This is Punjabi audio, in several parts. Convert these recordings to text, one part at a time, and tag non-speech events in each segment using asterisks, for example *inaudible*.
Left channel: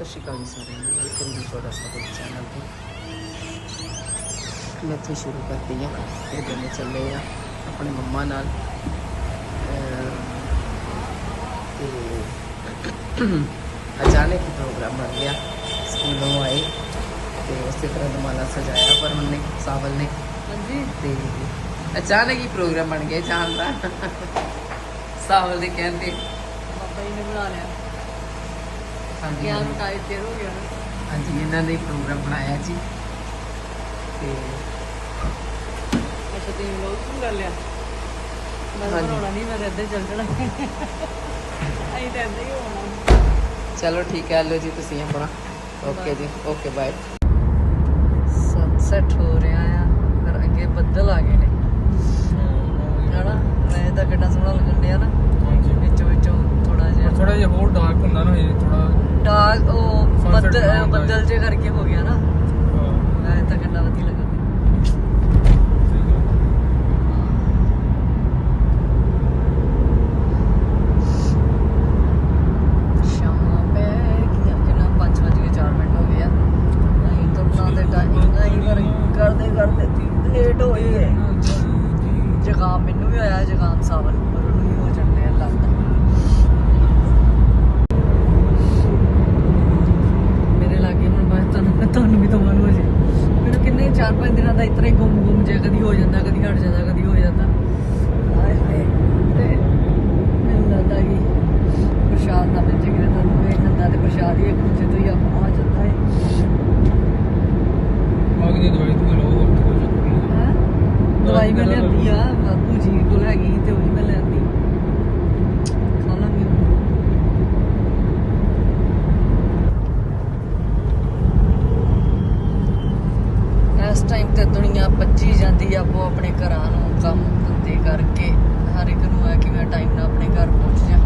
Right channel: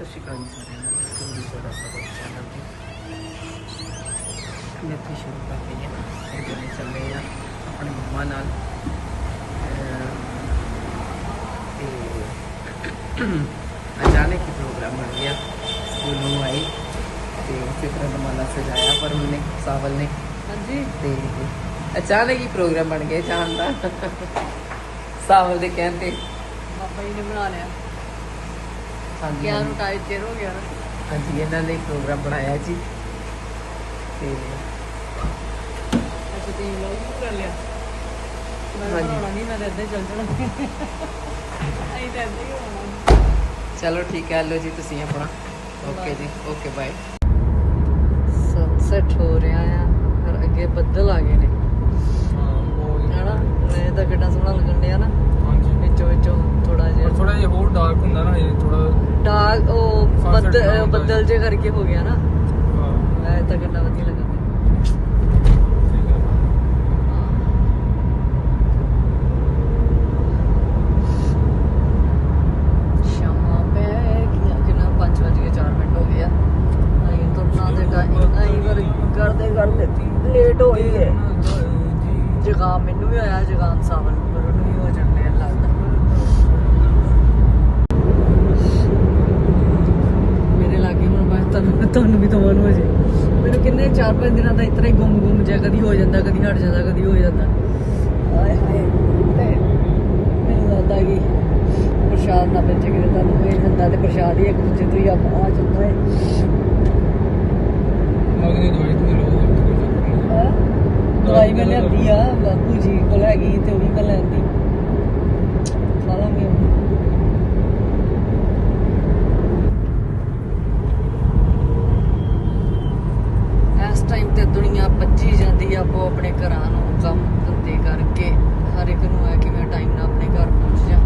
ਸਤਿ ਸ਼੍ਰੀ ਅਕਾਲ ਜੀ ਸਾਰਿਆਂ ਨੂੰ। ਵੈਲਕਮ ਜੀ ਤੁਹਾਡਾ ਸਾਡੇ ਚੈਨਲ ਤੇ। ਮੈਂ ਇੱਥੇ ਸ਼ੁਰੂ ਕਰਤੀ ਹੈ। ਫਿਰ ਚੱਲੇ ਚੱਲੇ ਆ ਆਪਣੇ ਮੰਮਾ ਨਾਲ। ਅਚਾਨਕ ਹੀ ਪ੍ਰੋਗਰਾਮ ਬਣ ਗਿਆ। ਸਕੂਲੋਂ ਆਏ ਤੇ ਉਸੇ ਤਰ੍ਹਾਂ ਦਮਾਲਾ ਸਜਾਇਆ ਪਰ ਉਹਨੇ ਸਾਵਲ ਨੇ। ਹਾਂਜੀ। ਤੇ ਅਚਾਨਕ ਹੀ ਪ੍ਰੋਗਰਾਮ ਬਣ ਗਿਆ ਜਾਣ ਦਾ। ਸਾਵਲ ਦੇ ਕਹਿੰਦੇ ਬਾਬਾ ਜੀ ਨੇ ਬਣਾ ਲਿਆ। ਹਾਂਜੀ ਗਿਆ ਨੂੰ ਟਾਈਟ ਚਿਰ ਹੋ ਗਿਆ ਨਾ ਹਾਂਜੀ ਇਹਨਾਂ ਨੇ ਪ੍ਰੋਗਰਾਮ ਬਣਾਇਆ ਜੀ। ਤੇ ਅੱਛਾ ਤੁਸੀਂ ਲੋਕ ਕਰ ਲਿਆ? ਮੈਂ ਤਾਂ ਹਾਂਜੀ। ਬਣਾਉਣਾ ਨਹੀਂ ਮੈਂ ਤਾਂ ਇੱਦਾਂ ਹੀ ਚੱਲ ਜਾਣਾ। ਅਸੀਂ ਤਾਂ ਇੱਦਾਂ ਹੀ ਹੋਣਾ। ਚਲੋ ਠੀਕ ਹੈ ਲੋ ਜੀ ਤੁਸੀਂ ਆਪਣਾ। ਓਕੇ ਜੀ ਓਕੇ ਬਾਏ। ਸਨਸੈਟ ਹੋ ਰਿਹਾ ਆ ਫਿਰ ਅੱਗੇ ਬੱਦਲ ਆ ਗਏ ਨੇ। ਹਨਾ? ਮੈਂ ਤਾਂ ਕਿੰਨਾ ਸੋਹਣਾ ਲੱਗਣ ਡਿਆ ਨਾ। ਹਾਂਜੀ। ਵਿੱਚੋਂ ਵਿੱਚੋਂ ਥੋੜਾ ਜਿਹਾ ਥੋੜਾ ਜਿਹਾ ਹੋਰ ਡਾਰਕ ਹੁੰਦਾ ਨਾ ਇਹ ਥੋੜਾ ਡਾਰਕ ਉਹ ਬੱਦਲ ਬੱਦਲ ਜੇ ਕਰਕੇ ਹੋ ਗਿਆ ਨਾ। ਮੈਂ ਤਾਂ ਕਿੰਨਾ ਵਧੀਆ ਲੱਗਦਾ ਸ਼ਾਮਾਂ ਪੈ ਗਈਆਂ ਕਿੰਨਾ 5 ਵਜੇ 4 ਮਿੰਟ ਹੋ ਗਏ ਆ ਨਹੀਂ ਤੁਰਨਾ ਤੇ ਟਾਈਮ ਨਹੀਂ ਕਰ ਕਰਦੇ ਕਰਦੇ ਲੇਟ ਹੋ ਗਈ ਹੈ ਜ਼ੁਕਾਮ ਮੈਨੂੰ ਵੀ ਆਇਆ ਜ਼ੁਕਾਮ ਸਾਵਲ ਪਰ ਉਹਨੂੰ ਵੀ ਹੋ ਜਾਂਦੇ ਆ ਲੱਗਦਾ ਮੇਰੇ ਲੱਗੇ ਹੁਣ ਬਸ ਤੁਹਾਨੂੰ ਤੁਹਾਨੂੰ ਵੀ ਤੋਂ ਹੋ ਜੇ ਮੈਨੂੰ ਕਿੰਨੇ 4-5 ਦਿਨਾਂ ਦਾ ਇਤਨਾ ਹੀ ਗੁੰਮ ਗੁੰਮ ਜਿਹਾ ਕਦੀ ਹੋ ਜਾਂਦਾ, ਕਦੀ ਹਟ ਜਾਂਦਾ, ਕਦੀ ਹੋ ਜਾਂਦਾ। ਹਾਏ ਹਾਏ ਮੈਨੂੰ ਲੱਗਦਾ ਕਿ ਪ੍ਰਸ਼ਾਦ ਨਾ ਬੱਚੇ ਕਿਤੇ ਤੁਹਾਨੂੰ ਇਹ ਹੁੰਦਾ ਤੇ ਪ੍ਰਸ਼ਾਦ ਹੀ ਇੱਕ ਦੂਜੇ ਤੋਂ ਹੀ ਆ ਆ ਜਾਂਦਾ ਹੈ। ਅਗਲੀ ਦਵਾਈ ਤੇ ਲੋ ਹੈਂ? ਦਵਾਈ ਮੈਂ ਲੈਂਦੀ ਆ ਬਾਪੂ ਜੀ ਕੋਲ ਹੈਗੀ ਸੀ ਤੇ ਉਹ ਵੀ ਮੈਂ ਲੈਂਦੀ ਖਾ ਲਾਂਗੇ ਇਸ ਟਾਈਮ ਤੇ ਦੁਨੀਆ ਭੱਜੀ ਜਾਂਦੀ ਆ ਆਪੋ ਆਪਣੇ ਘਰਾਂ ਨੂੰ ਕੰਮ ਧੰਦੇ ਕਰਕੇ ਹਰ ਇੱਕ ਨੂੰ ਹੈ ਕਿ ਮੈਂ ਟਾਈਮ ਨਾਲ ਆਪਣੇ ਘਰ ਪਹੁੰਚ ਜਾ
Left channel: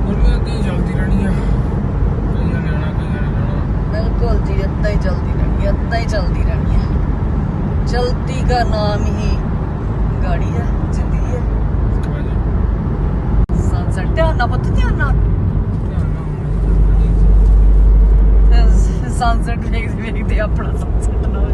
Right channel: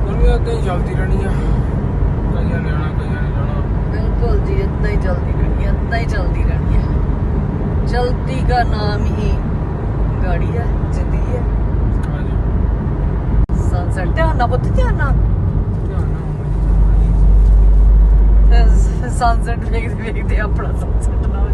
ਉਹਨੇ ਅੱਗੇ ਜਲਦੀ ਰਹਿਣੀ ਹੈ ਕਈਆਂ ਨੇ ਆਉਣਾ ਕਈਆਂ ਨੇ ਜਾਣਾ ਬਿਲਕੁਲ ਜੀ ਏਦਾਂ ਹੀ ਚੱਲਦੀ ਰਹਿੰਦੀ ਹੈ ਚੱਲਦੀ ਰਹਿੰਦੀ ਹੈ ਚਲਤੀ ਦਾ ਨਾਮ ਹੀ ਗਾੜੀ ਹੈ ਜ਼ਿੰਦਗੀ ਹੈ ਹਾਂਜੀ ਸਨਸੈਟ ਧਿਆਨ ਨਾਲ ਪੁੱਤ ਧਿਆਨ ਨਾਲ। ਸਨਸੈਟ ਵੇਖਦੇ ਵੇਖਦੇ ਆਪਣਾ ਸਨਸੈਟ ਨਾ। ਹੋ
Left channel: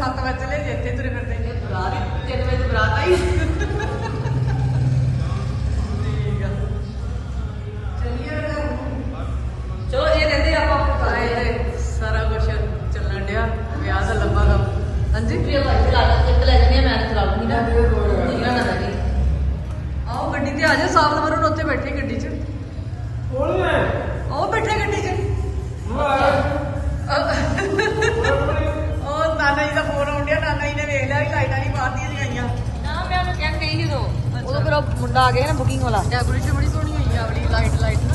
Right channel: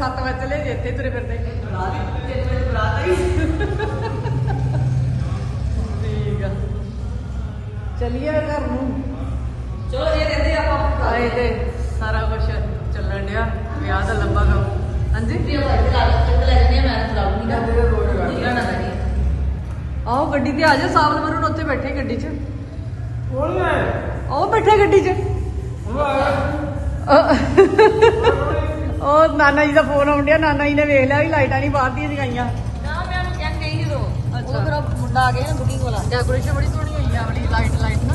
7 ਵਜੇ ਚਲੇ ਜੇ ਇੱਥੇ ਤੁਰੇ ਫਿਰਦੇ। ਬਰਾਤ 3 ਵਜੇ ਬਰਾਤ ਆਈ ਠੀਕ ਆ ਚੱਲੀਏ ਘਰ ਨੂੰ ਚਲੋ ਜੇ ਦਿੰਦੇ ਆਪਾਂ ਸਾਰਾ ਕੁਝ ਚੱਲਣ ਡਿਆ ਵਿਆਹ ਦਾ ਲੰਬਾ ਕੰਮ। ਹਾਂਜੀ? ਆਓ ਗੱਡੀ ਤੇ ਆ ਜਾ ਸਾਵਲ ਵਰੁਣ ਉੱਥੇ ਬੈਠੇ ਗੱਡੀ 'ਚ। ਕੌਣ ਹੈ? ਆਓ ਬੈਠੇ ਗੱਡੀ 'ਚ। ਉਹ ਆਇਆ ਜੀ ਦਾ ਫੋਨ ਆਉਂਦਿਆ ਨਾਨਾ ਜੀ ਨੇ ਵੇਖ ਲਿਆ ਵੀ ਲਾਈਟਾਂ ਨਹੀਂ ਬਾਹਰ ਦੀਆਂ ਲਗਾਈਆਂ। ਨਾ ਮੈਂ ਉਹਨੂੰ ਕਹਿਣ ਗਈ ਜਦੋਂ। ਉਦੋਂ ਫਿਰ ਉਹ ਮੁੰਡਾ ਆ ਗਿਆ ਨਾ ਬੁਕਿੰਗ ਵਾਲਾ। ਡੈਕੋਰੇਸ਼ਨ ਬੜੀ ਸੋਹਣੀ ਹੋਈ ਆ ਵਾਲੀ ਲਾਈਟ ਲਾਈਟ ਨਾ।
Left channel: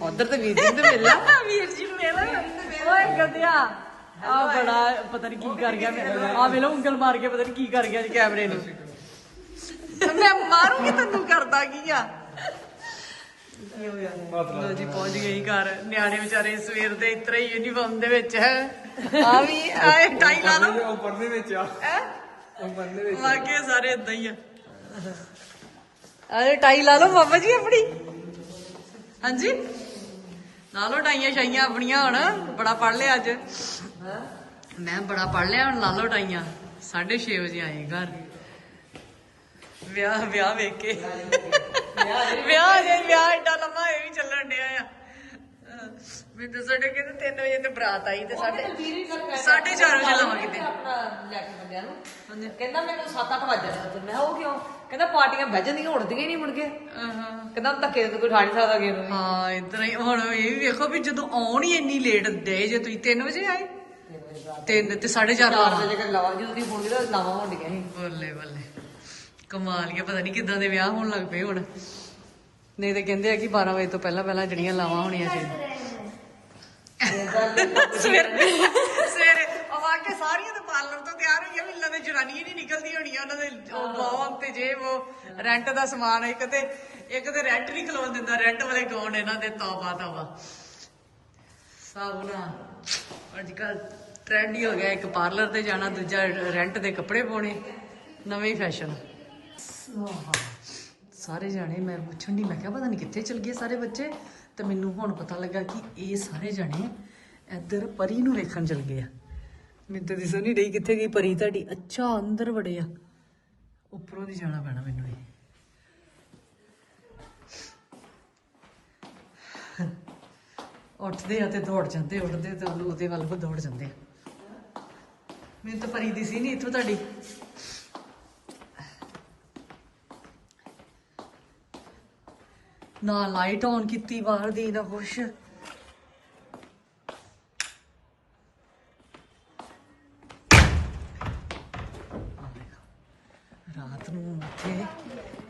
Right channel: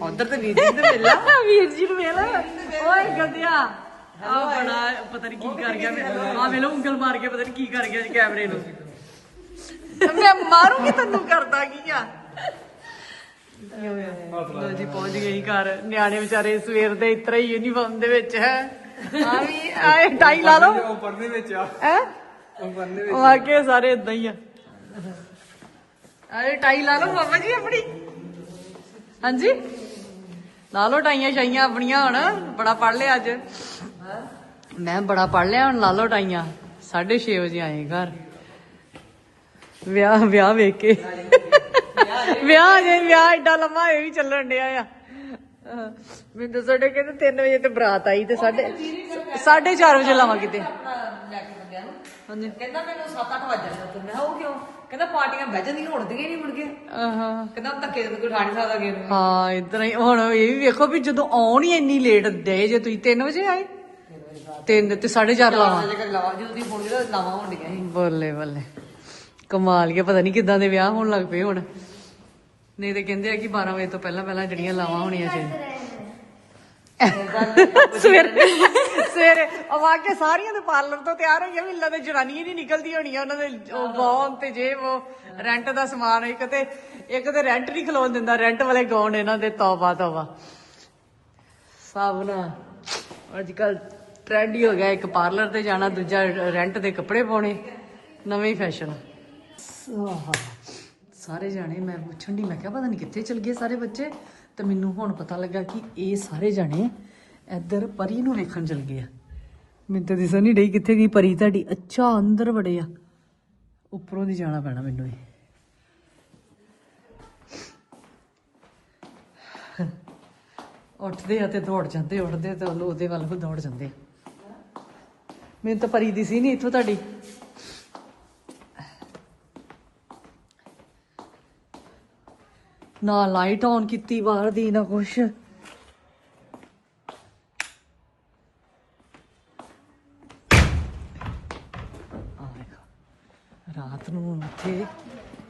ਉਧਰ ਤੇ ਵੀਰ ਜੀ ਤੇ ਮਿਲ *laughs* ਵੀਰ ਜੀ ਨੂੰ ਵੇਲ ਓਏ ਗੰਦਿਆ ਆ ਬੜਾ ਪਤਾ ਨਹੀਂ ਕੀ ਕਰ ਗਿਆ ਮੈਂ। ਆ ਵੇਲੋ ਉਂਗਲ ਮਾਰ ਕੇ ਪਤਾ ਨਹੀਂ ਕੀ ਕਰ ਗਿਆ ਜੀ ਕੈਮਰੇ ਨੂੰ। ਮੈਂ ਮਾਰੂੰਗੀ ਤੈਨੂੰ ਕਰਦਾ ਕੀ ਆ? ਕੀ ਹੋ ਗਿਆ? ਲੋ ਜੀ ਪਹੁੰਚ ਹੀ ਘਰ। ਨਿਆਣੇ ਵਿਚਾਰੇ ਸਵੇਰ ਦੇ ਇਤਰਾ ਹੀ ਯੂਨੀਫਾਰਮ ਦੇ ਵਿੱਚ ਹੈ। ਆ ਵੀ ਆਏ ਟਾਈ ਲਾ ਲਓ। ਉਹ ਪਰਨੇ ਵਿੱਚ ਆ। ਹੈ? ਉਹ ਪਰਨੇ ਉਹ ਆਗੇ ਸਾਰੇ ਇਦਾਂ ਹੀ ਆ। ਅਰੇ ਟਾਈ ਲਾ ਲਓ ਮਾਮਾ ਜੀ ਆਪਣੀ। ਹਾਂਜੀ? ਲਾ ਲਓ ਟਾਈਆਂ ਸ਼ਾਈਆਂ ਆਪਣੀਆਂ ਹੁਣ ਬੜਾ ਪੜ ਲਿਆ ਅੱਜ। ਮੈਂ ਬੜਾ ਪੜ ਲਿਆ ਹੁਣ ਲਾ ਲਓ ਟਾਈਆਂ। 6:30 ਵਜੇ ਆਏ ਘਰ। ਵਿਆਹ ਵਿਆਹ ਵੇਖ ਕੇ। ਵਿਆਹ ਜੇ ਵਿਆਹ ਏਡਾ ਲੰਮਾ ਇਹ ਵੀ ਚੱਲਣ ਡਿਆ ਆ। ਅਹ ਮੈਨੂੰ ਤਾਂ ਸਾਡੇ ਕਹਿੰਦੇ 3 ਵਜੇ ਤੇ ਬਰਾਤ ਆਈ ਤੇ ਸਾਡੇ 4:30 ਵਜੇ ਲਾਵਾਂ ਕਿਤੇ। ਲੈ ਕੇ ਬੰਦਿਆਂ ਨੂੰ। ਹਾਂਜੀ। ਕਹਿੰਦਾ ਮੈਨੂੰ 7-8 ਵਜੇ ਤੇ ਮੈਂ ਕਿਹਾ ਉਹ ਕਿਉਂ? ਕਹਿੰਦਾ ਪਾਰਟੀਆਂ ਬਹਿ ਜਾਂਦੀਆਂ ਉੜਦੀਆਂ ਹੀ ਨਹੀਂ ਮੁੜ ਕੇ। ਆਹਾਂ। ਕਹਿੰਦਾ ਧੱਕੇ ਤੇ ਕੋਈ ਠਾ ਨਹੀਂ ਸਕਦਾ ਕਿਸੇ ਨੂੰ। ਹਾਂ ਇਦਾਂ ਹੀ। ਹੁਣ ਇਹ ਵੀ ਵੇਖੋ ਵੀ ਜਦੋਂ ਆਉਣ ਹੀ ਇੰਨੀ ਲੇਟ ਦੇ ਜੇ ਤੁਸੀਂ 3 ਵਜੇ ਆਏ। 3 ਤੇ 4:30 ਚਾਰ ਲਾਵਾਂ। ਵਜੇ ਕਰ ਲਵਾ। ਜਦੋਂ ਤੁਸੀਂ ਫੋਨ ਕੀਤਾ ਲਾਵਾਂ ਹੋਣ ਡੀਆਂ ਸੀ ਬੱਲੇ ਬੱਲੇ। ਕਮਾਲ ਕੇ ਪਤਾ ਨਹੀਂ ਕਿੱਦਾਂ ਦੇ ਵਿਆਹ ਹੋਣ ਲੱਗ ਪਏ ਹੁਣ। ਨਹੀਂ ਤੇ ਕਹਿੰਦੇ ਆ ਕਿ 12 ਵਜੇ ਤੋਂ ਪਹਿਲਾਂ ਪਹਿਲਾਂ ਜਿਹੜੀਆਂ ਲਾਵਾਂ ਹੋਣੀਆਂ ਚਾਹੀਦੀਆਂ। ਸਵੇਰੇ ਸਵੇਰੇ ਆਵਾ ਕੇ ਸਾਰੀਆਂ ਦੇ ਪਾਰਲਰ ਤੋਂ ਤਿਆਰ ਹੋਈਆਂ ਵੀ ਇਹਨਾਂ ਦੇ ਜਨਾਨੀਆਂ ਨਹੀਂ ਨਿਕਲਦੀ ਹੋਣੀਆਂ ਉਹਨਾਂ ਦੇ ਉਹ ਗੌਨ ਤੇ ਜੇ ਉਹ ਰੈਂਟ ਦਾ ਸਮਾਨ ਇੱਕ ਤੇ ਇੱਕ ਤੇ ਰੈਂਟ ਨਹੀਂ ਖਲੋਣ ਦਿੰਦਾ ਰੈਂਟ ਵਾਲੇ ਗੌਨ ਇਹਨਾਂ ਦੇ ਤੌਬਾ ਤੌਬਾ। ਸਭ ਨਾ ਅੱਜ ਕੱਲ ਟ੍ਰੈਂਡ ਹੀ ਹੋ ਗਿਆ ਇੱਕ ਪਾਰਲਰ ਤੇ ਜਾਣਾ ਦੂਜਾ ਰੈਂਟ ਦੇ ਕੱਪੜੇ ਪਾਉਣੇ ਨਵੇਂ ਫੈਸ਼ਨ ਸਾਰੇ ਜਾਣੇ, ਮੈਂ ਪੁੱਛਣ ਦੀ ਮੈਂ ਕਿਹਾ ਪਤਾ ਨਹੀਂ ਕਿੱਥੇ ਚਲ ਗਏ ਸਾਰੇ ਬੱਚੇ? ਤੇ ਮੈਨੂੰ ਹੁਣ ਪਤਾ ਲੱਗਾ ਕਿ ਇਹ ਸਾਰੇ ਜਾਣੇ ਇੱਧਰ ਪਰੀ ਨੂੰ ਵੇਖਣ ਚਲ ਗਏ ਆ। ਮੈਨੂੰ ਤਾਂ ਦਿਸਾ ਨਹੀਂ ਡਈ ਕਿੱਥੇ ਗਈ ਪਰੀ ਤੁਹਾਡੀ। ਅੱਛਾ, ਅੰਦਰ ਵੜੇ ਆ। ਉੱਪਰੋਂ ਦੀ ਜਾਣਾ ਪੈਣਾ ਮੈਨੂੰ ਵੀ। ਉੱਠਦੇ ਆ ਤੇ ਦੌੜ ਜਾਂਦੇ, ਉੱਠਦੇ ਤੇ ਉਹਦੇ ਵੱਲ ਨੂੰ ਦੌੜ ਜਾਂਦੇ ਮੈਨੂੰ ਤਾਂ ਪਰੀ ਦਿਸੀ ਨਹੀਂ ਇੱਥੋਂ ਤੁਹਾਡੀ। ਨਾ ਲਾਈਟ ਔਨ ਕੀਤੀ ਬਾਹਰ ਦੀ ਨਾ ਕੁਛ। ਰਾਤ ਨੂੰ ਉੱਥੇ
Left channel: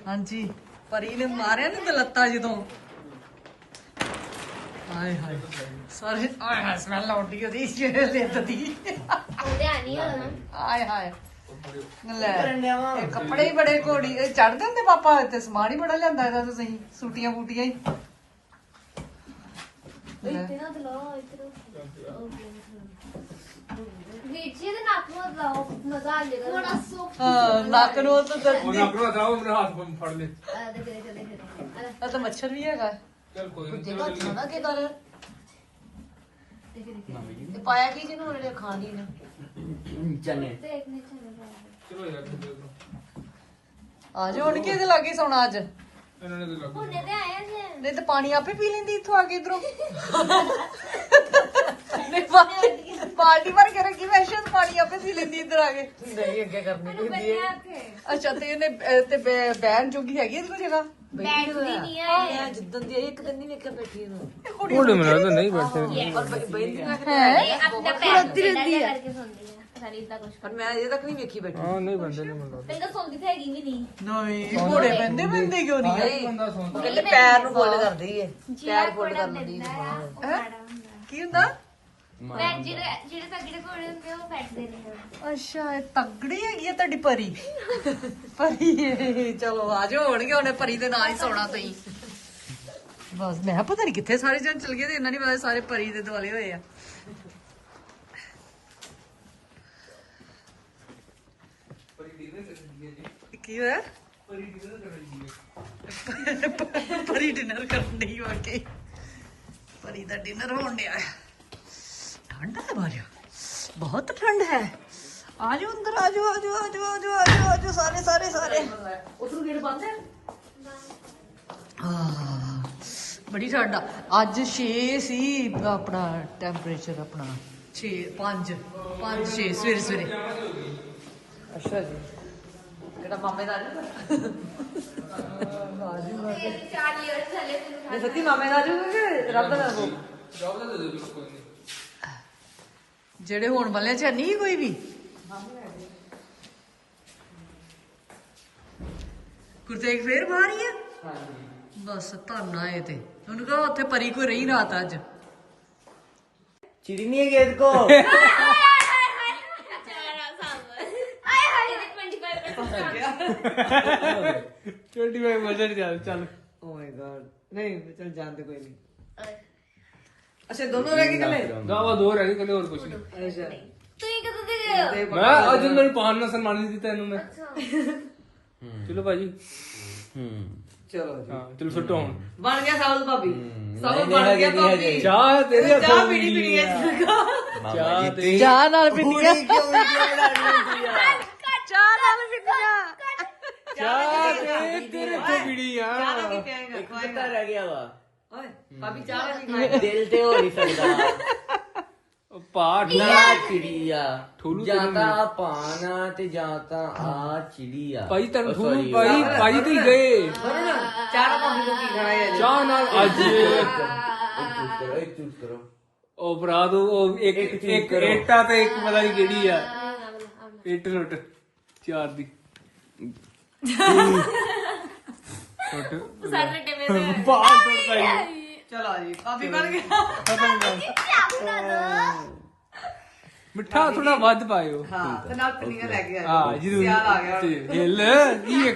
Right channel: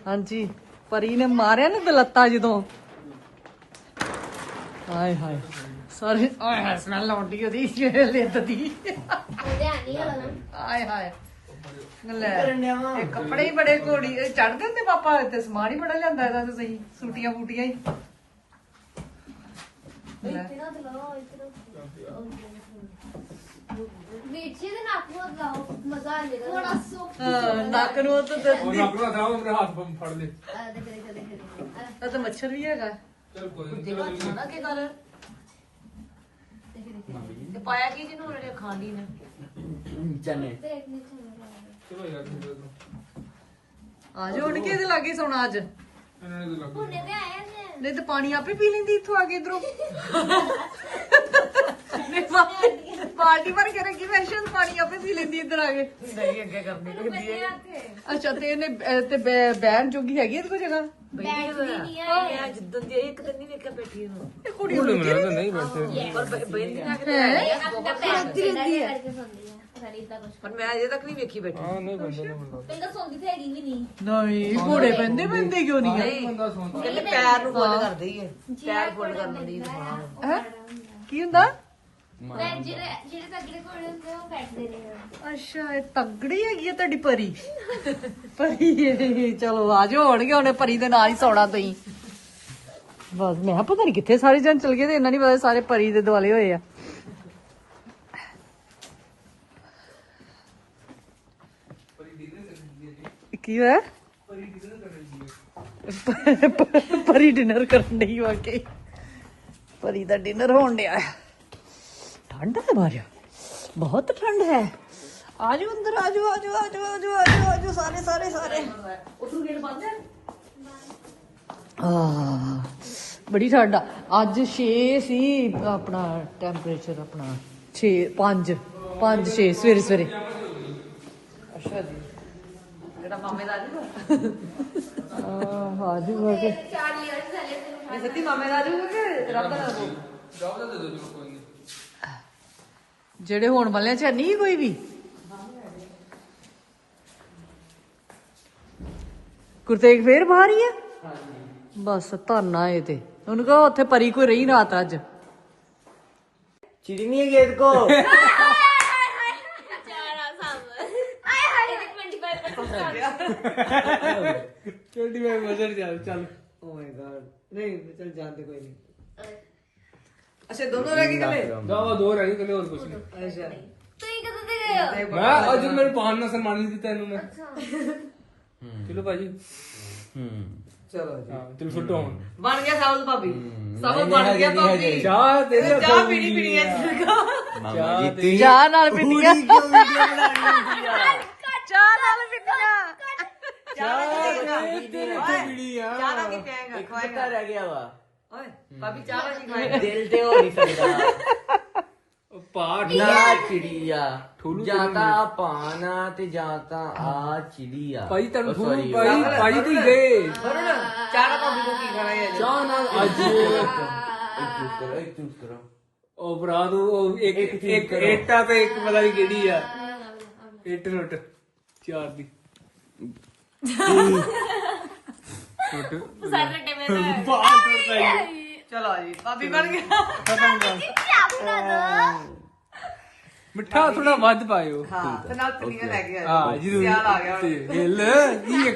ਹਾਂਜੀ ਪਰੀ ਨੇ ਮਾਰਿਆ ਨਾ ਦਲੱਤਾ ਜਦੋਂ? ਹਾਏ ਹਾਏ ਸਾਰੇ ਆਏ ਸਮੈਲ ਆਉਂਦੀ ਉਹਦੀ ਲਿੱਤ ਦੀ ਆਏ ਹਾਏ। ਲੈ ਇਹ ਕੱਪੜੇ ਹੀ ਬੜੇ ਘੋੜੀ ਚੜਦੇ ਹੁੰਦੇ ਪਾਪਾ ਤੇ ਸਮਾਨ ਹੀ ਬੜਾ ਲਿਆਂਦਾ ਇਹਦਾ ਤੁਸੀਂ ਸੂਟੀਆਂ ਫੂਟੀਆਂ ਹੀ। ਲੈ। ਵੀਚੇ ਦੇ ਨੱਕ ਨੂੰ ਲਾਓ ਮਜ਼ਾ ਆ ਜਾਏਗਾ। ਥੋੜਾ ਸੋ ਹਾਂ ਨੱਕ ਨੂੰ ਤਾਂ ਦਰਦੀ ਨੱਕ ਥਾ ਮੇਰੇ ਹੱਥ ਫੜ ਲੈ। ਆ ਦੇਖ ਦੇਖ ਦੇਖ ਦੇਖ। ਆ ਤਾਂ ਮੱਛਰ ਵੀ ਹੈਗਾ। ਚਲ ਕੋਈ ਨਹੀਂ ਜੇਗਾ ਖਾਣਾ ਕੀ ਕਰ। ਤੇ ਪਾਇਆ ਕੀ ਜਿਹਨੂੰ ਉਹਨੇ ਖਾਣੀ ਨੇ? ਦੇਖ ਨਹੀਂ ਚੱਲਦਾ ਚਲੋ ਯਾਰ ਦੇ ਦੋ ਆ ਜਾ ਹੁਣ ਕਿਹਦੇ ਲਾਗੇ ਸੌਣਾ ਅੱਜ? ਇਹਨਾਂ ਨੇ ਤਾਂ ਲੱਗ ਹੁਣੇ ਤੇ ਆਏ ਨੇ ਨਹੀਂ ਤਾਂ ਪਾਣੀ ਆਪੇ ਪੀ ਲੈਂਦੀ ਇੱਥੋਂ ਆ ਕੇ ਇਧਰੋਂ। ਨਹੀਂ ਭਰ ਕੇ ਰੱਖੀ ਵੈਸ਼ਨ ਪਾਣੀ ਆਪੇ ਪੀ ਲੈਂਦੀ ਇੱਧਰ ਆ ਕੇ। ਮੈਨੂੰ ਬੰਨਿਆ ਇੱਥੇ ਅੱਛਾ ਤੇ ਇਹਨੇ ਅਹ, ਤੇ ਬੈ- ਬਹਿਣ ਜੋਗੀ ਹੈਗੀ ਇਹਦੇ ਕੋਲ ਜਗ੍ਹਾ ਬੈਠ ਵੀ ਨਹੀਂ ਆਏ ਜਿੱਦਾਂ ਦੀ ਇੱਕ ਦਿਨ ਨਹੀਂ ਵੇਖਿਆ ਬੈਠੀ ਨੂੰ। ਇਹ ਕੁੜੀ ਉਹ ਮੇਰਾ ਤਾਂ ਨਹੀਂ ਬੈਠੇ। ਹੈ? ਆਪਣਾ ਪੈਰ ਹੈ ਕਰਕੇ ਸੁਣਦੀ ਹੈ ਸਾਰੀ ਇਦਾਂ ਕੁਝ ਪਰ ਮੈਂ ਅਜੇ ਤੱਕ ਨਹੀਂ ਵੇਖੀ ਬੈਠੀ। ਹਾਂ ਨਹੀਂ ਬੰਦੇ ਪਹਿਲਾਂ ਸੌਂਦੀ ਤੇ ਹੈਗੀ ਵੀ ਨਹੀਂ। ਨਹੀਂ ਘੋੜੇ ਬੰਦੇ ਬੰਦੇ ਕਿਉਂ ਨਹੀਂ ਆ? ਇਹ ਪੈਰ ਨੂੰ ਗੋਲ ਕਰਦੀ ਏ। ਜੀ ਆ ਕੋੜਾ ਲੈਂਦਾ ਆ ਉਹ ਹੈਂ? ਮਾੜਾ ਹੁੰਦਾ। ਕੀ ਹੁੰਦਾ? ਮੈਂ ਜਿਹੜੇ ਜਿਹੜੇ ਤਗੜੇ ਕੋੜੇ ਹੁੰਦੇ ਉਹ ਬੈਠਦੇ ਨੇ। ਅੱਛਾ ਇਹ ਤਗੜੀ ਹੈਗੀ ਹੈ ਤੁਹਾਡੀ ਪਰੀ? ਪਰੀ ਇਹ, ਚਲੋ ਆ ਜਾਓ ਹੋਣਗੇ ਉਹਨੇ ਪਰੀ ਦੇ ਨਾਲ ਹੀ ਸੌਣਾ ਤੁਸੀਂ। ਬਸ ਮੈਂ ਕਿਹਾ ਪਤਾ ਨਹੀਂ ਕਿੱਥੇ ਸਾਰੇ ਜਣ ਚਲ ਗਏ ਤੇ ਇਹਨਾਂ ਨਹੀਂ ਪਤਾ ਸਾਰੇ ਪਰੀ ਦੇ ਦੁਆਲੇ ਹੋਏ ਆ। ਕੀ ਹੋਇਆ? ਪਰੀ ਡਿਨਰ ਕਰਨ ਦੀ ਵਾਕਈ ਪਰੀ ਦਾ ਡਿਨਰ ਹੋਣ ਡਿਆ ਹੈ ਠੰਡ ਹੈ ਬਾਜਾ ਬਹੁਤ ਠੰਡ ਹੈ। ਆ ਜਾਓ ਅੰਦਰ ਆ ਜਾਓ ਆ ਜਾਓ ਆ ਜਾਓ ਆ ਜਾਓ ਆ ਜਾਓ ਆ ਜਾਓ ਸਾਰੇ ਸਾਰੇ ਸਾਰੇ। ਉਧਰੋਂ ਗੇਟ ਬੰਦ ਹੈ? ਆ ਬੜੀ ਠੰਡ ਆ। ਅੱਜ 6 ਸੀ ਆਪਣਾ ਟੈਂਪਰੇਚਰ ਆਪਣਾ। 6 5 5 6 ਸਵੇਰੇ ਸਵੇਰੇ। ਅੱਛਾ ਜੀ। ਜਿਹੜਾ ਮਾਮੇ ਦਾ ਆਜੂਗਾ ਹਾਂ ਜੀ ਚਾਰ ਲੀਅਰਸ ਥੱਲੇ ਤੈਨੂੰ ਇਹ ਸੱਚੀ ਮਾਮੇ ਦਾ ਆਜੂਗਾ ਕਿ ਰੱਬ ਦਾ ਆਜੂਗਾ ਜੌਬ ਦਾ ਦੇ ਦਿਓ ਜੀ ਕੋਈ ਨਹੀਂ ਜਿਹੜੇ ਹੋਣ ਵਾਲਿਆਂ ਚ ਹੈ ਨਹੀਂ ਕੋਈ ਵੀ ਗੁਰਤੇਗ ਫੇਰ ਬਾਹਰ ਹੀ ਆ ਬਸ ਧੰਨਾ ਇਹ ਤੇ ਉਹਨੂੰ ਕਹੋ ਉੱਥੇ ਪਰੀ ਕੋਈ ਰਹੀ ਰਾਤ ਅੱਜ चिड़ी नहीं है गेट *laughs* 25 ਬਜਟ ਚੱਲ oh ਚੱਲ। ਓ ਮਾਈ ਗॉड ਨਹੀਂ ਚੱਲ ਜਾਂਦੇ ਕੋਈ ਨਹੀਂ। ਅੱਛਾ ਦੋਨੋਂ ਰਹਿ ਗਏ ਕੱਲੇ ਦਾਵਾ ਦੋ ਰਹਿ ਗਏ ਕੱਲੇ ਹੋਰ ਕੁਛ ਨਹੀਂ। ਅੱਛਾ। ਤੁਸੀਂ ਕਦੋਂ ਦੇ ਗਏ ਮੈਂ ਅੱਜ ਮੈਨੂੰ ਪਾਣ ਨਾਲ ਸਨਮਾਨਿਤ ਕੀਤਾ ਇਹਨੂੰ ਮੈਂ। ਅੱਛਾ। ਚਲੋ ਭਾਜੀ। ਹੂੰ ਚਲੋ ਜੀ। ਹਾਂ ਸੁੱਟੋ ਹੁਣ। ਬਣ ਗਿਆ ਸਾਬਤ ਭਾਬੀ। ਸਾਬਤ ਬਣ ਗਿਆ ਭਾਬੀ। ਚਾਹ ਤੇਰੇ ਚਾਹ ਪੀਣੀ ਪੀਣੀ ਹੈ ਜਗਾ ਚਾਹ ਤੇ ਚਾਹ ਨਾਲ ਪੀਣੀ ਆ। ਚਾਹ ਨਾਲ ਪੀਣੀ ਆ। ਚਾਹ ਤੇ ਇੱਥੇ ਵੀੜੀ ਆ। ਜ਼ਿਆਦਾ ਕੀ ਪੀਏਗਾ ਖਵਾਏਗਾ ਰਹਿ ਗਿਆ ਵਾ। ਓਏ ਭਾਬੀ ਚਾਹ ਨਹੀਂ ਖਾਏਗਾ ਦਿਲ ਤੇ ਹੋ ਨਹੀਂ ਸਕਦਾ। ਉਹ ਪਾੜ ਨਾ। ਚਿੜੀਆ ਠੂਲੂ ਜਾਂ ਤਾਂ ਪਾਣਾ ਤੇ ਜਾਂ ਤਾਂ ਆ ਚਿੜੀਆ ਭਾਈ ਤੈਨੂੰ ਠੂਲੂ ਭਾਈ ਭਾਈ ਤੂੰ ਗਏ ਚਾਹ ਭਾਬੀ ਨੂੰ ਕੀ ਖਾਣਾ ਹੈ ਚਾਹ ਨਾਲ ਅੱਜ। ਇੱਕ ਕਰੋ ਇੱਕ ਕਰੋ। ਉਹ ਭਰਾ ਤੂੰ ਉਹ ਇੱਕ ਇੱਕ ਏਟਾ ਤੇ ਇੱਕ ਪਤਾ ਨਹੀਂ ਕਿਹੜੀ ਆ। ਇੱਟ ਰੁੱਟ ਚਾਰ ਦੀ। ਸਾਰੇ ਟੇਮੇ ਦਾ ਬਾਹਰ ਟੁੱਟਦਾ ਹੀ ਚਲੋ ਜੀ ਭਾਬੀ ਬਣ ਗਿਆ ਖਤਮ ਕਰ ਚਾਹ ਬਣਾ ਦੋ ਮਿੱਠਾ ਥੋੜਾ ਵੱਧ ਪਾਇਓ। ਹਾਂ ਤੇ ਨਾਲ ਪਿੰਨੀਆਂ ਲੈ ਕੇ ਆਇਓ ਹਾਂ ਜਰੂਰ। ਸਿਆਲ ਆ ਗਿਆ ਹੁਣ। ਹਿੱਲ ਇਹ